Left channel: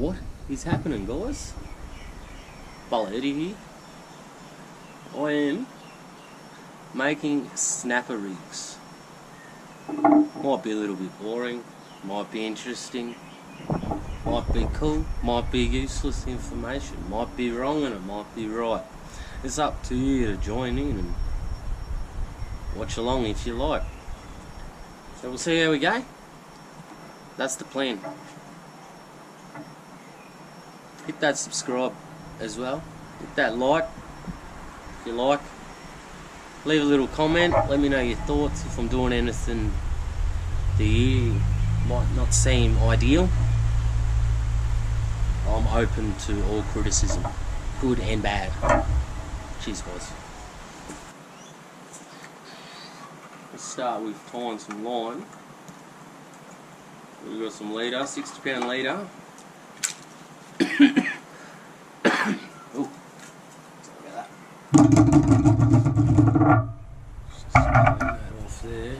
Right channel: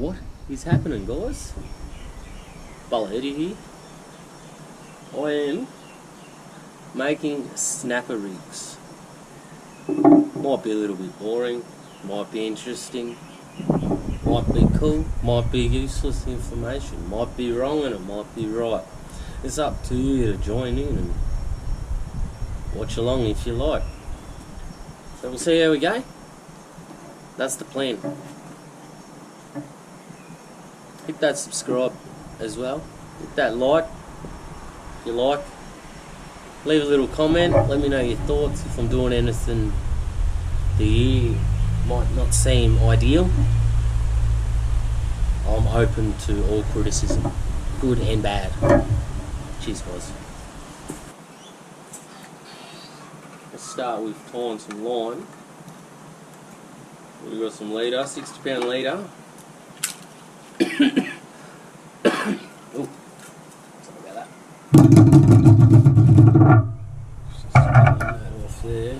What is happening, guys? Bala Eddie here. I am making snapper rigs. Might be a little bit boring, might be interesting, might be cool, might be useless information, might be wrong and it might be right. It's up to you to join in and watch along if you like. So we'll see how we go. That's the plan. Hit that subscribe as well. Hit that like if you like. Leave a little comment. Let me know your thoughts. If I'm doing anything that you might not seem ideal, I'm open to all criticism, good and bad. Cheers, guys. Let's start with tying some line. We've got some leader, 60 pound leader. Oh, sorry about that. Just pulling that off there.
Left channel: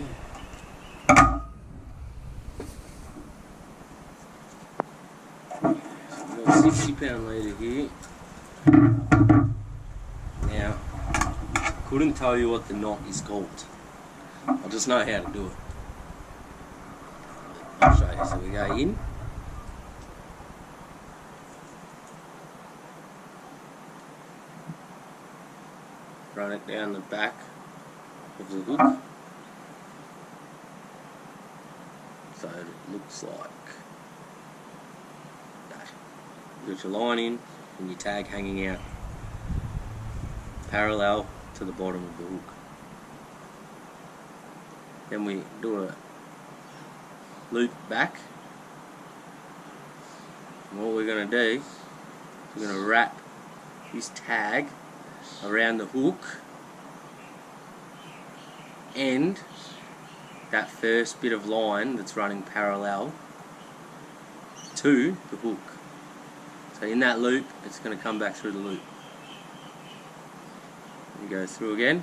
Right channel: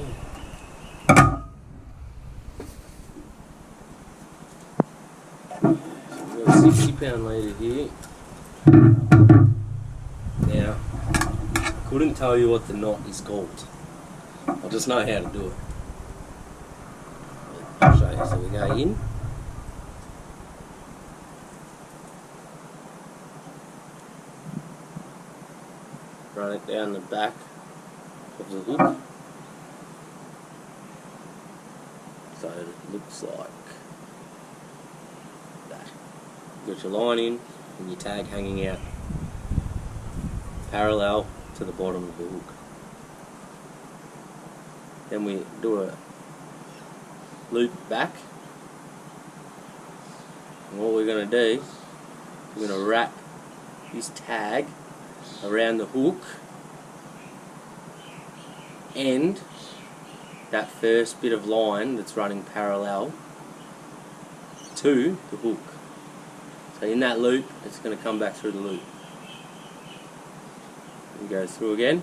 So we've got a 60 pound leader here. Now, I couldn't tell you what the knot is called. I'll just know how to do it. But I'll show you. So we go in. Run it down the back of the hook. So it looks like that. You've got your line in and your tag hanging out parallel to the bottom of the hook. Then we do a loop back. And what we're going to do is we're going to wrap this tag around the hook and that first bit of line that's running parallel to the hook. So in that loop, it's going to come back through the loop. And go through again.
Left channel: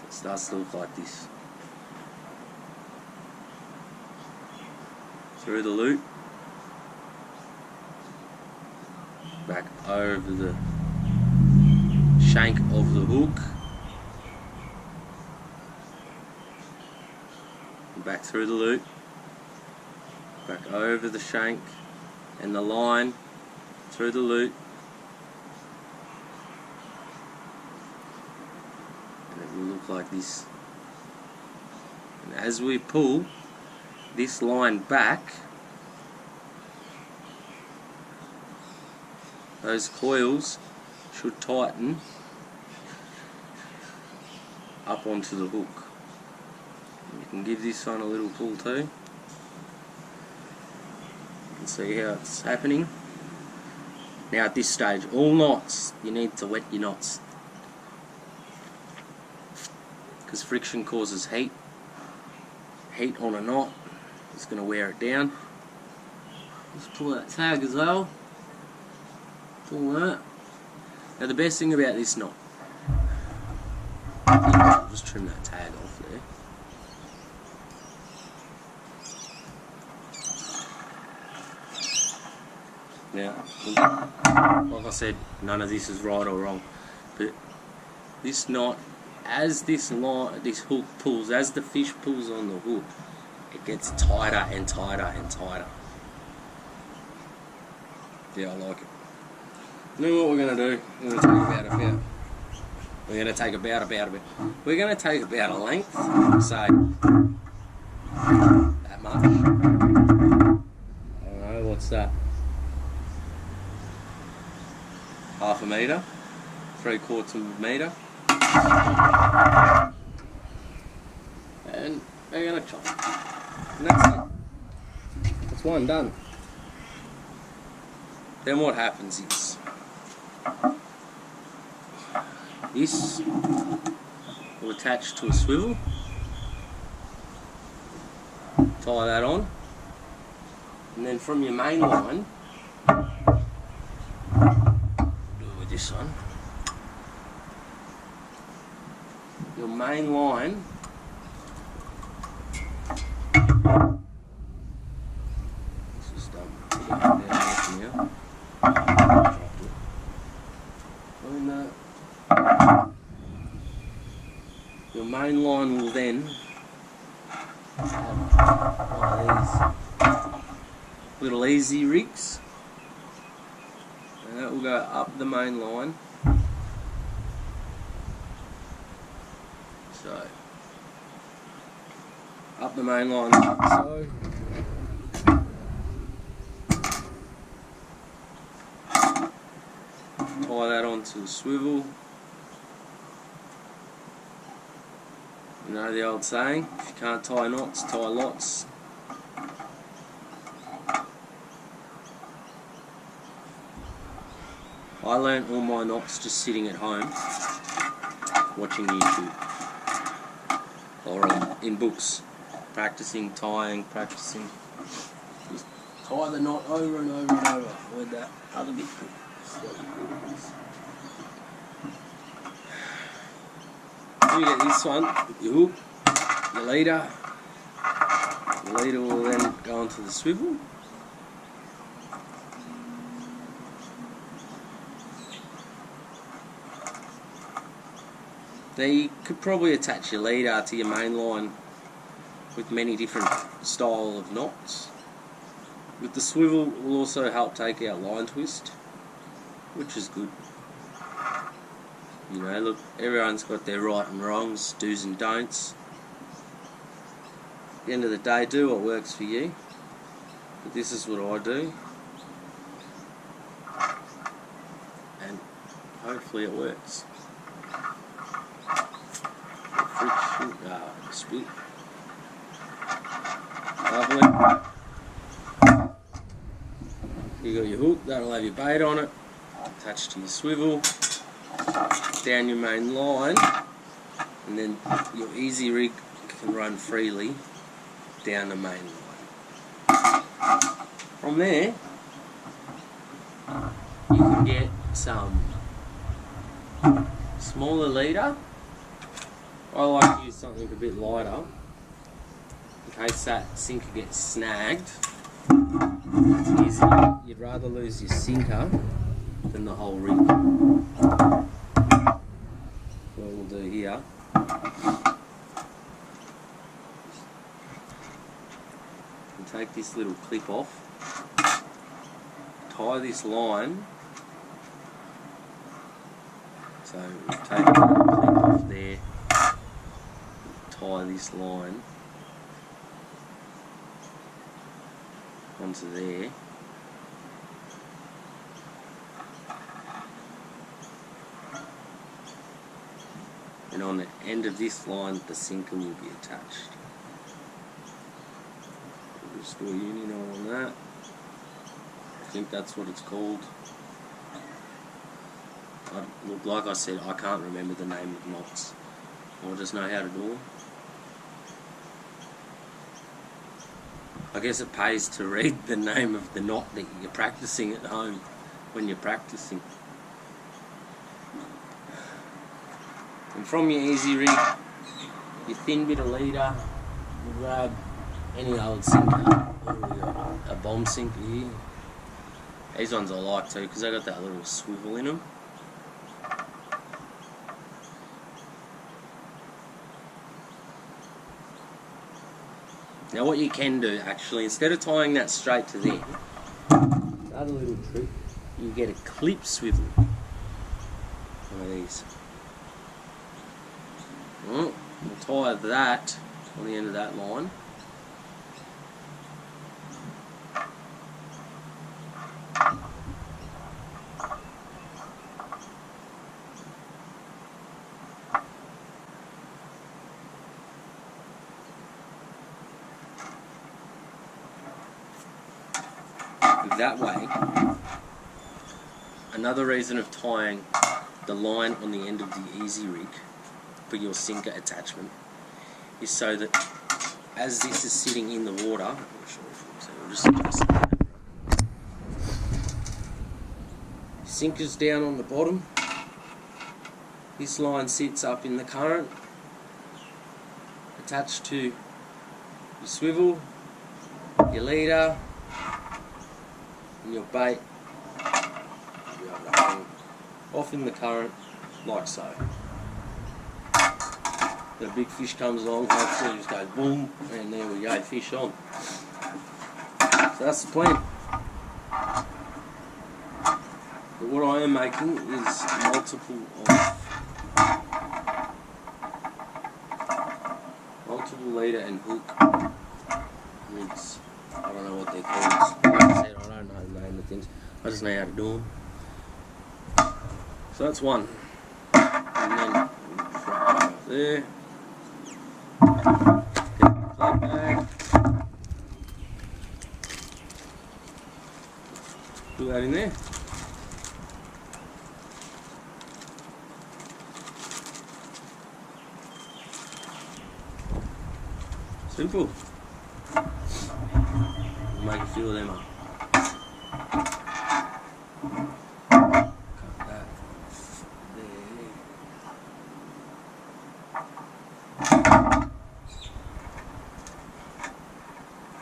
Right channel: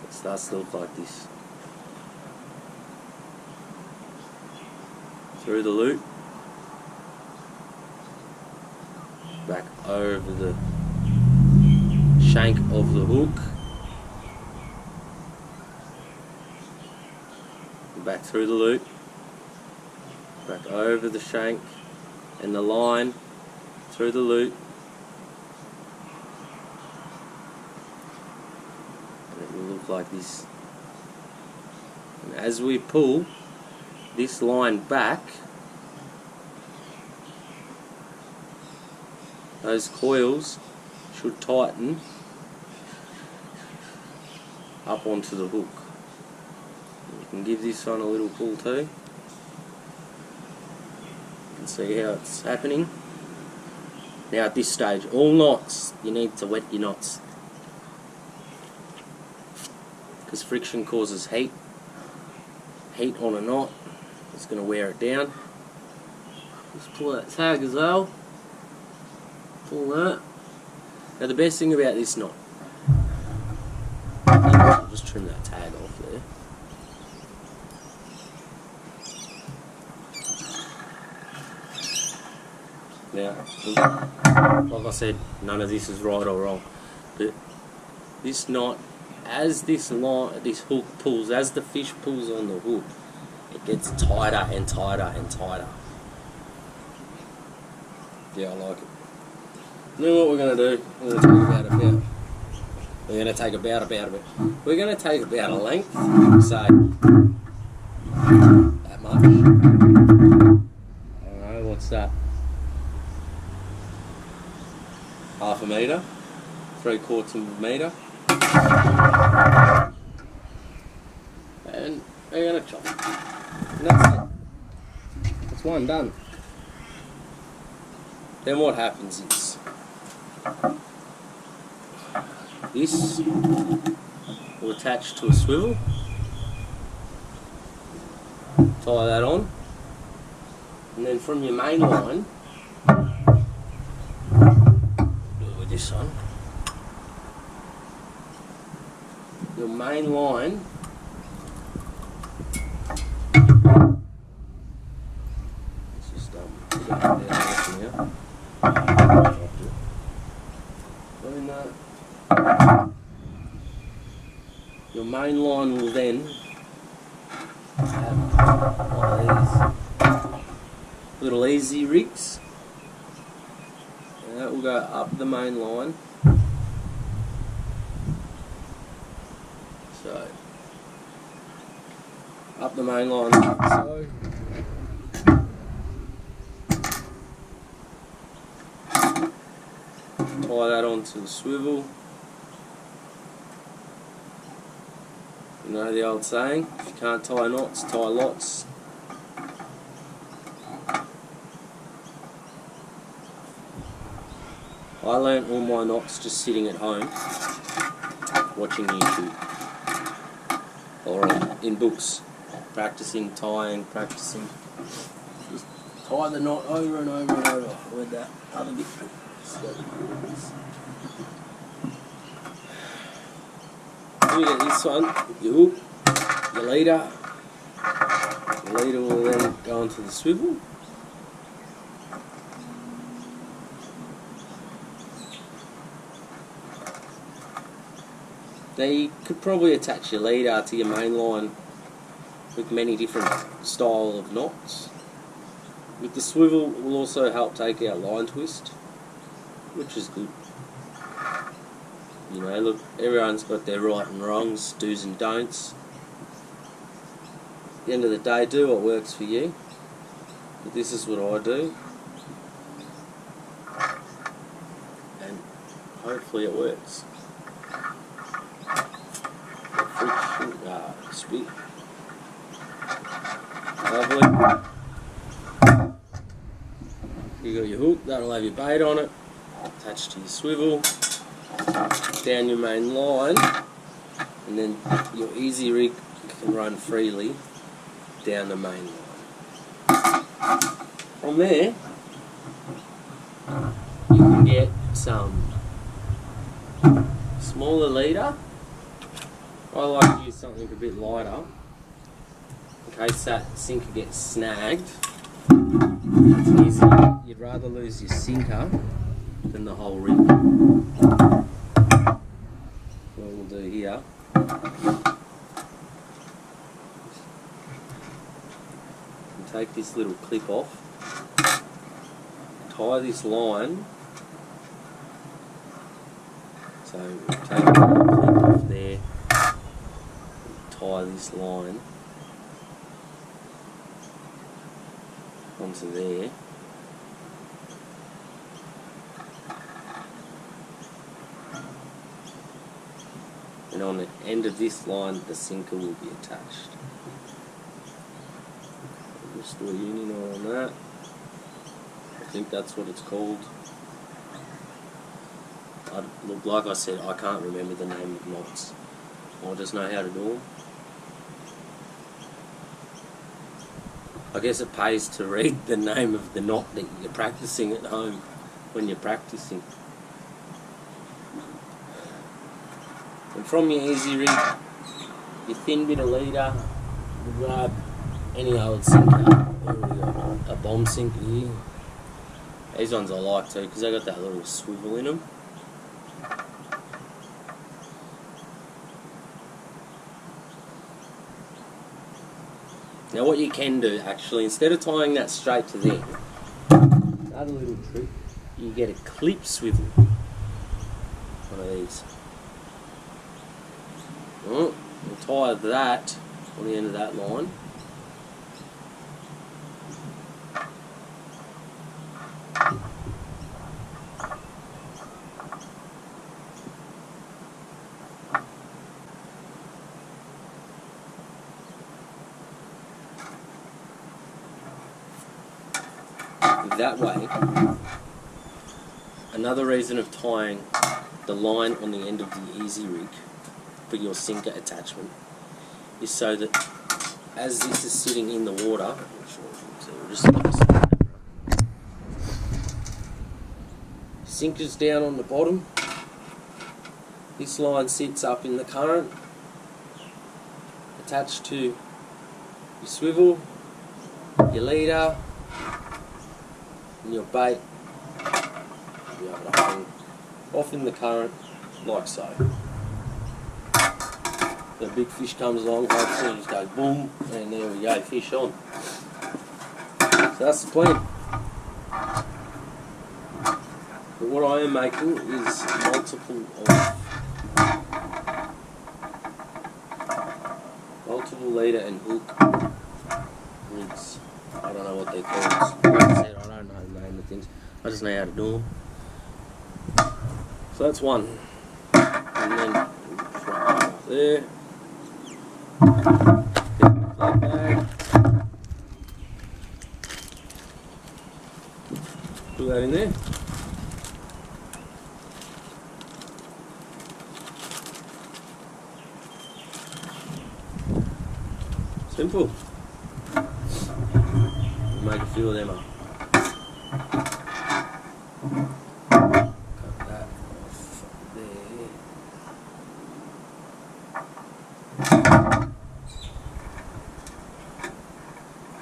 So it starts to look like this. Through the loop, back over the shank of the hook, and back through the loop, back over the shank and the line, through the loop, and it will look like this. And as we pull this line back, those coils should tighten up onto the hook. You can give this one a little pull too. You can see how it's happening. Now at this stage, all knots, you need to wet your knots, because friction causes heat. Heat on a knot is going to wear it down. Just pull that tag as well. Pull that. Now the best thing about this knot, I'll just trim that tag off there. Now, like I said, none of this is right or wrong, but this knot, as this hook pulls, as the fish pulls on the hook, it gets tighter and tighter and tighter. Yeah, I like it. Now what we're going to do, we're going to take about a length, say that much. I don't know, what's that? Half a metre, 3/4 of a metre. And we're going to chop it. And that's it. That's one done. Then what happens is this will attach to a swivel. Tie that on. And then from your main line, do it with this one. Your main line Your main line will then have one of these little easy rigs, and that will go up the main line. So, up the main line like so. Tie that onto the swivel. You know the old saying, if you can't tie knots, tie lots. I learnt all my knots just sitting at home, watching YouTube, or in books, practicing tying, practicing. Just tie the knot over and over and over with that other bit. Then you get this one, your hook, your leader. Your leader will then go onto the swivel. Now you could probably attach your leader to your main line with many different style of knots. With the swivel will also help take out line twist, which is good. You know, look, everyone's got their right and wrongs, do's and don'ts. At the end of the day, do what works for you. But this is what I do. And hopefully it works. Friction, spit. Lovely. You got your hook, that'll have your bait on it, attached to your swivel, down your main line, and then your easy rig can run freely down the main line. From there, you can get some smaller leader. I like to use something a bit lighter in case that sinker gets snagged. It's easy. You'd rather lose your sinker than the whole rig. What we'll do here, we'll take this little clip off, tie this line. So we'll take the little clip off there. Tie this line onto there, and on the end of this line the sinker will be attached. I'll just do a uni knot on that. I think that's what it's called. Look, like I said, I can't remember the name of knots. I just know how to do them. I guess it pays to read the name of the knot that you're practicing at home when you're practicing. And from your easy rig, your thin bit of leader, you grab any old sinker. What have we got? A bomb sinker here. These ones I like too because they got that little swivel in them. Now what you can do actually, instead of tying that straight to there, another little trick, you get a clip swivel. One of these. We'll tie that on the end of that line. That way, another reason of tying the line on the end of the easy rig for your sinker attachment is so that as this is sitting in the water, I'm not sure if you can see, we'll just sinker's down on the bottom, this line sits up in the current, attached to your swivel, your leader, and your bait. You'll be able to hang off in the current like so. The big fish comes along, hopefully it just goes boom, and there we go, fish on. So that's the plan. But what I am making is multiple leader and hook rigs. I don't know what they're called. Like I said, I don't know the name of things. I just know how to do them. So that's one. And then we'll just wrap that up there. Get the flat bag. Put that in there. Simple. We'll make a few of them up. Cut that off there.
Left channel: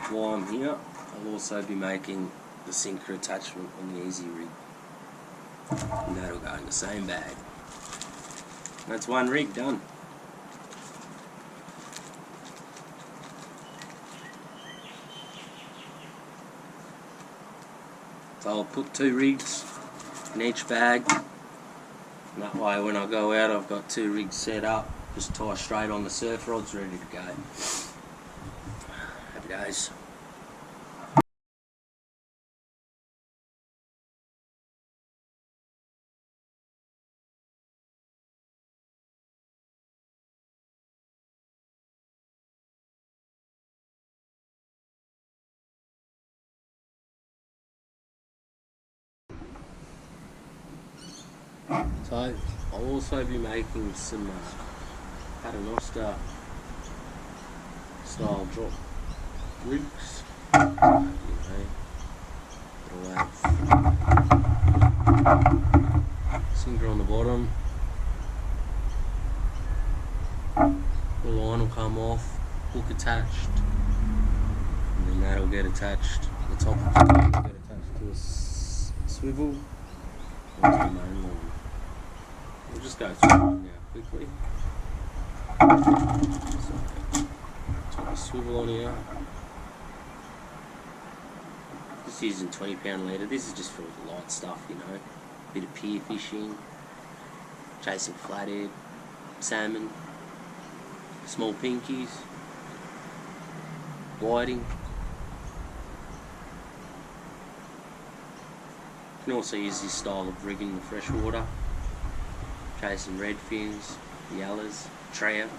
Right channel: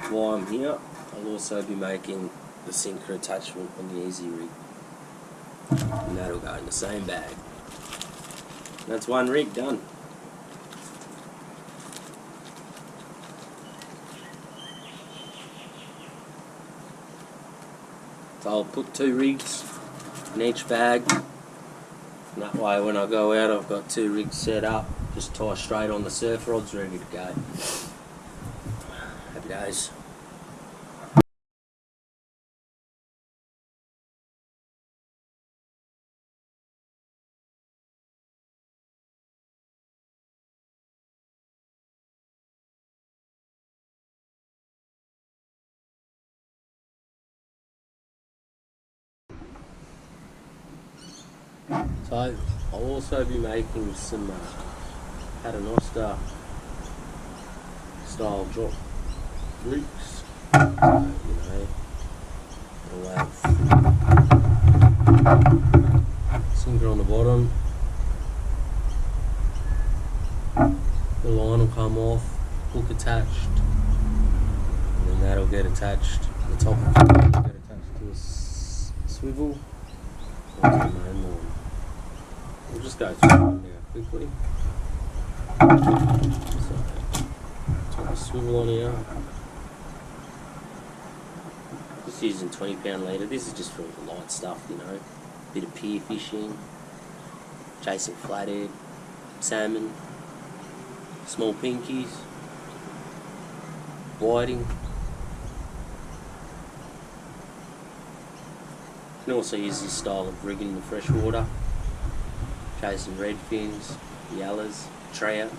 While I'm here, I'll also be making the sinker attachment on the Easy Rig. And that'll go in the same bag. That's one rig done. So I'll put 2 rigs in each bag, and that way when I go out I've got 2 rigs set up, just tie straight on the surf rods, ready to go. Happy days. So I'll also be making some paternoster style drop rigs. So, you know, it'll have sinker on the bottom, the line will come off, hook attached, and then that'll get attached. The top of the line will get attached to a swivel onto the main line. We'll just go through one now quickly. So a swivel on here. Just using 20-pound leader. This is just for the light stuff, you know. Bit of pier fishing, chasing flathead, salmon, small pinkies, whiting. You can also use this style of rigging in the freshwater, chasing redfins, yellows, trout.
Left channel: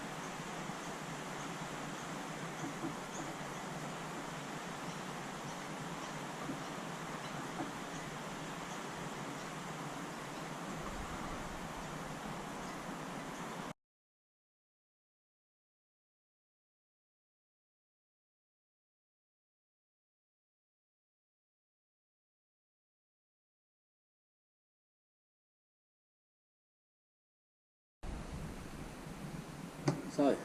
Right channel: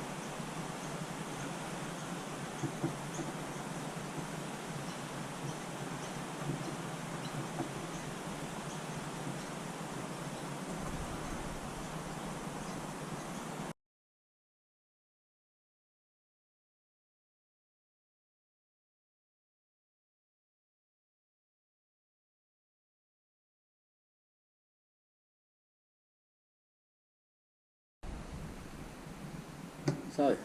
So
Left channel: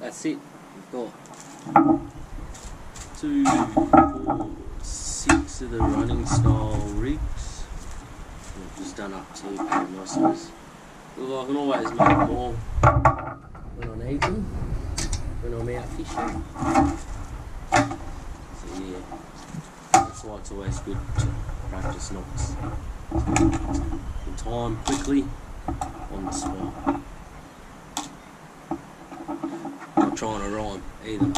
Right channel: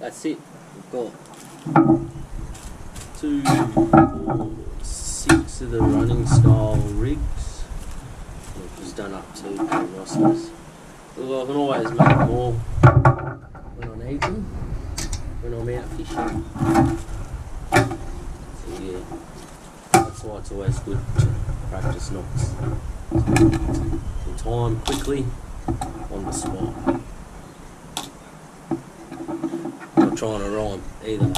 that's it. We've got 2, 4, 6 of the running style rigs. I've just done up 2 paternosters. Look, I can always make more when I need them, when I'm out fishing. So yeah, that's why it's always good to practice knots in time, quickly, on the spot. Not trying to rhyme either.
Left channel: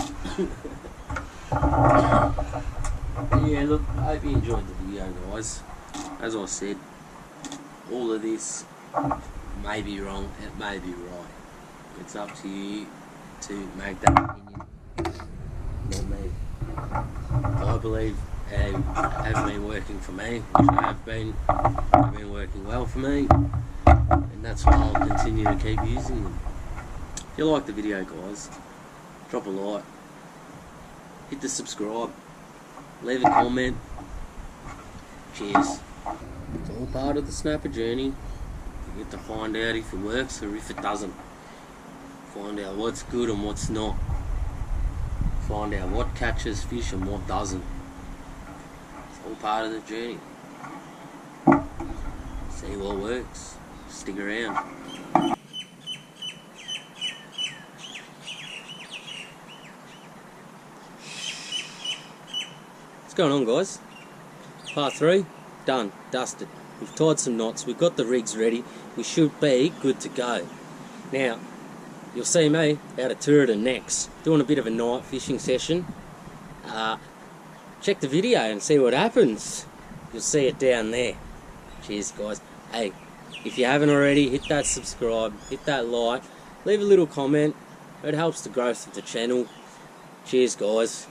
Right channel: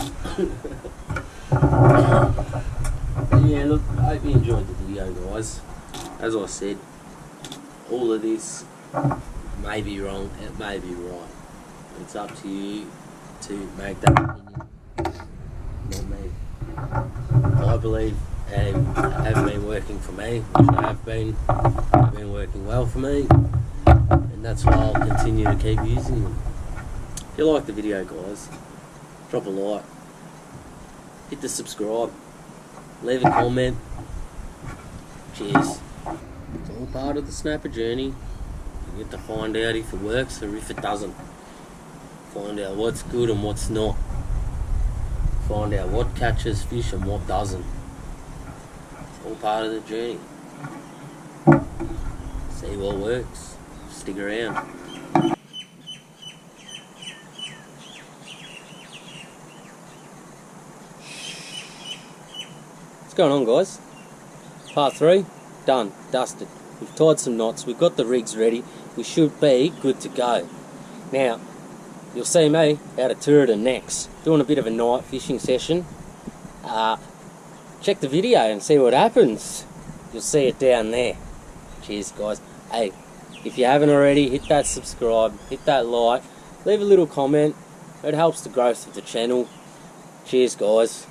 But yeah, look, I hope you enjoyed the video, guys. As I said, all of this may be wrong, it may be right. It's up to you to make that opinion, not me. I believe they have been working for me, which they have been working well for me, and that's why I'll continue to keep using them. If you like the video, guys, drop a like, hit the subscribe, leave a comment. Cheers. It's all part of the snapper journey. You get to find out if it works or if it doesn't. Find out what's good and what's not. Find out what catches fish and what doesn't. It's all part of the journey. See what works. Stick around. going on, guys? Part 3, done, dusted. We've tied some knots, we've got the rigs ready, we should be good to go. Now, you'll see me out at Tooradin next, doing a bit of a night fishing session. Check the video and see what happens. You'll see it down there. Cheers, guys. Hey, if you haven't already, hit that subscribe, hit that like, leave a little comment. It helps the growth of the channel. Cheers, guys.